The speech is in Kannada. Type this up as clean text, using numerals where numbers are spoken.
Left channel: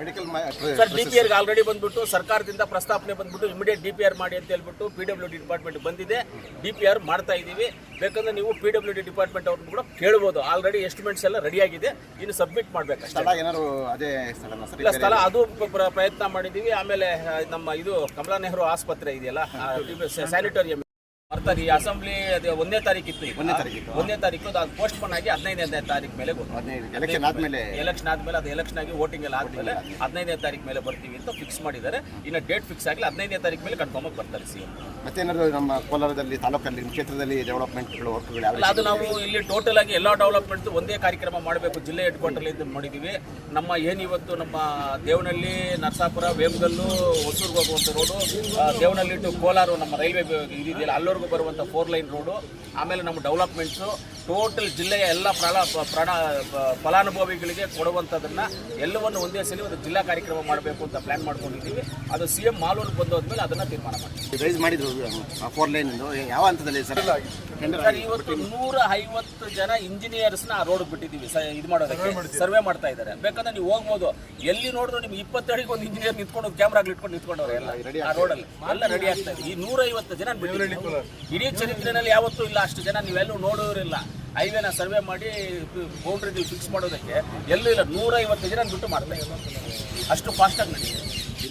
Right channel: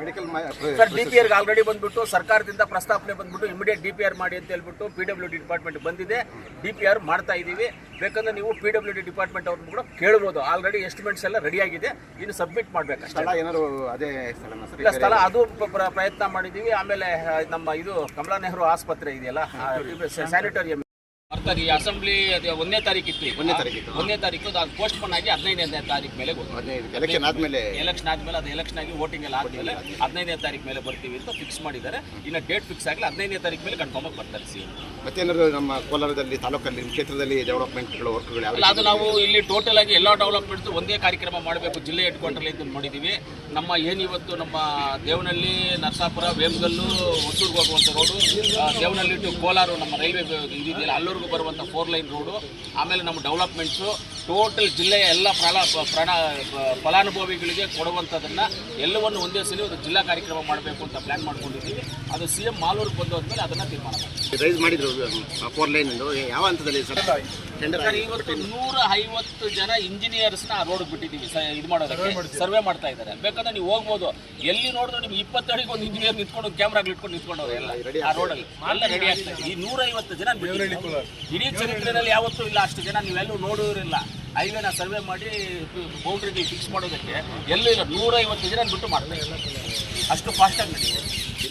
ಮೆಡಿಕಲ್ ಸರ್ DPR ಆಲ್ರೆಡಿ ಬಂದ್ಬಿಟ್ಟು ಸರ್ಕಾರದಿಂದ ಪ್ರಸ್ತಾವನೆ ಬಂದ್ಬಿಟ್ಟು ಇಮಿಡಿಯೇಟ್ DPR ಮಾಡಿ ಅಂತ ಹೇಳ್ಬಿಟ್ಟು PWD ಡಿಪಾರ್ಟ್ಮೆಂಟ್ ಬಂದಿದೆ. DPR ಮಾಡ್ತಾ ಇದ್ದೀವಿ. ಬೇಕಂದ್ರೆ ನೀವು PWD ಡಿಪಾರ್ಟ್ಮೆಂಟ್ ಅವ್ರನ್ನ ಕೂಡ ಕೇಳ್ಬೋದು. ಆಲ್ರೆಡಿ ಎಸ್ಟಿಮೇಟ್ಸ್ ಎಲ್ಲ ರೆಡಿ ಆಗಿದೆ, ಇನ್ನು ಸಬ್ಮಿಟ್ ಮಾಡಬೇಕಷ್ಟೇ. ಏನಾದ್ರು ಅದೇ ಇಲ್ಲ ಸ್ಥಳ ಅದು ಪ್ರಯತ್ನ ಮಾಡಿದ್ದೀವಿ. ಆಮೇಲೆ ನಮ್ಮ ಇದು ಕಮಲಾ ನೆಹರು ಆಸ್ಪತ್ರೆ ಇದೆಯಲ್ಲ, ಸ್ಯಾನಿಟೋರಿಯಂ ಬರ್ತಾರೆ. ಈ ಅಸೆಂಬ್ಲಿ ಅದು 1ನೇ ತಾರೀಕು ಇತ್ತು, 1ನೇ ತಾರೀಕು ಅದು ಪೋಸ್ಟ್ ಪೋನ್ ಆಗಿ 15ನೇ ತಾರೀಕು ಮೇಲೆ ಎಲೆಕ್ಷನ್ ಆದ್ಮೇಲೆ ಅದು ಎಲೆಕ್ಷನ್ ಆಗಿ ವೋಟಿಂಗ್ ಎಲ್ಲ ಆದ್ಮೇಲೆ 15ನೇ ತಾರೀಕು ಮೇಲೆ ಬರ್ತೀವಿ ಅಂತ ಫಿಕ್ಸ್ ಮಾಡಿದ್ದಾರೆ. ಇನ್ನು ಡೇಟ್ ಫಿಕ್ಸ್ ಆಗಲಿ, 15ನೇ ತಾರೀಕು ಮೇಲೆ ಕನ್ಫರ್ಮ್ ಆಗಿ ಬರ್ತಾರೆ CM. ಮತ್ತೇನಾದ್ರು ನಮ್ಮ ಕೋಲಾರದಲ್ಲಿ ತಾಲೂಕಲ್ಲಿ ಕ್ಷೇತ್ರದಲ್ಲಿ ಡೆವಲಪ್ಮೆಂಟ್ಗಳು ವರ್ಕ್ಗಳು ಅಲ್ಲ, ಅದು ನಾವು ಇಲ್ಲಿ ಟೋಟಲ್ ಆಗಿ ಎಲ್ಲ ಡೆವಲಪ್ಮೆಂಟ್ಸ್ ಒಂದೇ ಕಾರ್ಯಕ್ರಮ ಮಾಡಬೇಕು ಜಿಲ್ಲೆ ಹೆಡ್ ಕ್ವಾರ್ಟರ್ ಅಂತ ಮಾಡಿದ್ದೀವಿ. ನಮ್ಮ ಏನಿವತ್ತು ನಮ್ಮ ದೇವನಹಳ್ಳಿ, ನರಸಾಪುರ, ವೇಮಗಲ್ಲು, ಹೊಸೂರ್ಗೆ ಹೋಗುವಂಥ ರೋಡು, ದೇವನಹಳ್ಳಿ ಟು ಕೋಲಾರ ನಮ್ಮ ರೈಲ್ವೆ ಇದೆಯಲ್ಲ ಅಲ್ಲವರೆಗೂ ಬರುವಂಥ 4 ಲೈನ್ ರೋಡು, ಆಮೇಲೆ ನಮ್ಮ ಡೆವಲಪ್ಮೆಂಟ್ಸು ಟೋಟಲ್ ಜಿಲ್ಲೆಯ ಎಲ್ಲ ಫಲಾನುಭವಿಗಳಿಗೆ ಕೊಡುವಂಥದ್ದನ್ನು ಎಲ್ಲವನ್ನು ಒಂದೇ ಸಲ ಒಂದು ಜಿಲ್ಲಾ ಕಾರ್ಯಕ್ರಮ ಮಾಡಬೇಕು ಅಂತ ಪ್ಲಾನ್ ಮಾಡ್ಕೊಂಡಿದ್ದೀವಿ. ಅದು CM ಮಾಲೂರಿಗೆ ಬಂದೋದ್ಮೇಲೆ ಅದನ್ನು ತೀರ್ಮಾನ ಮಾಡ್ತೀವಿ. ರೈಸ್ ಮಾಡಿದ್ರು 4 ಲೈನ್ ಯಾವ ಹಂತದಲ್ಲಿ ಸರ್? ಇವತ್ತು 150 ಜನ ಇಂಜಿನಿಯರ್ಸ್ನ ಆ ರೋಡ್ ಬಿಟ್ಟಿದ್ದೀವಿ ಇದು ಮಾಡೋದಕ್ಕೆ, ಸರ್ವೆ ಮಾಡ್ತಾ ಇದ್ದಾರೆ. ಬೇಕಾದ್ರೆ ನೀವು ಹೋಗ್ಬೋದು, ಎಲ್ಲಿ ನೋಡಿದ್ರು ನಿಮ್ಗೆ 20 ಅಡಿಗೆ ಒಂದು ಇಂಜಿನಿಯರ್ ನಿಂತ್ಕೊಂಡು ಕ್ಯಾಮ್ರಾಗಳು ಇಟ್ಕೊಂಡು ನಿಂತ್ಕೊಂಡವ್ರೆ ಎಲ್ಲ ಆ ರೋಡಲ್ಲಿ ಎಲ್ಲ ರೆಡಿ ಆಗ್ತಾ ಇದೆ. ಈ 150 ಜನ ಇಡೀ ಚರಿತ್ರೆಯಲ್ಲಿ ಯಾವತ್ತೂ ಇಲ್ಲ ಅಷ್ಟು ಜನ ನೀವೆಲ್ಲೂ ನೋಡೋರಿಲ್ಲ. ಹೈವೇನ ಸರ್ವೆ ಮಾಡಿ ಬೌಂಡ್ರಿಗಳು ಫಿಕ್ಸ್ ಮಾಡೋದಕ್ಕೆ ಎಲ್ಲೂ ಇಲ್ಲ. 150 ಜನ ಬಿಟ್ಟು ಮಾಡ್ತಾ ಇದ್ದಾರೆ. ಅಷ್ಟು ಫಾಸ್ಟಾಗಿ ನಡೆಯುತ್ತೆ.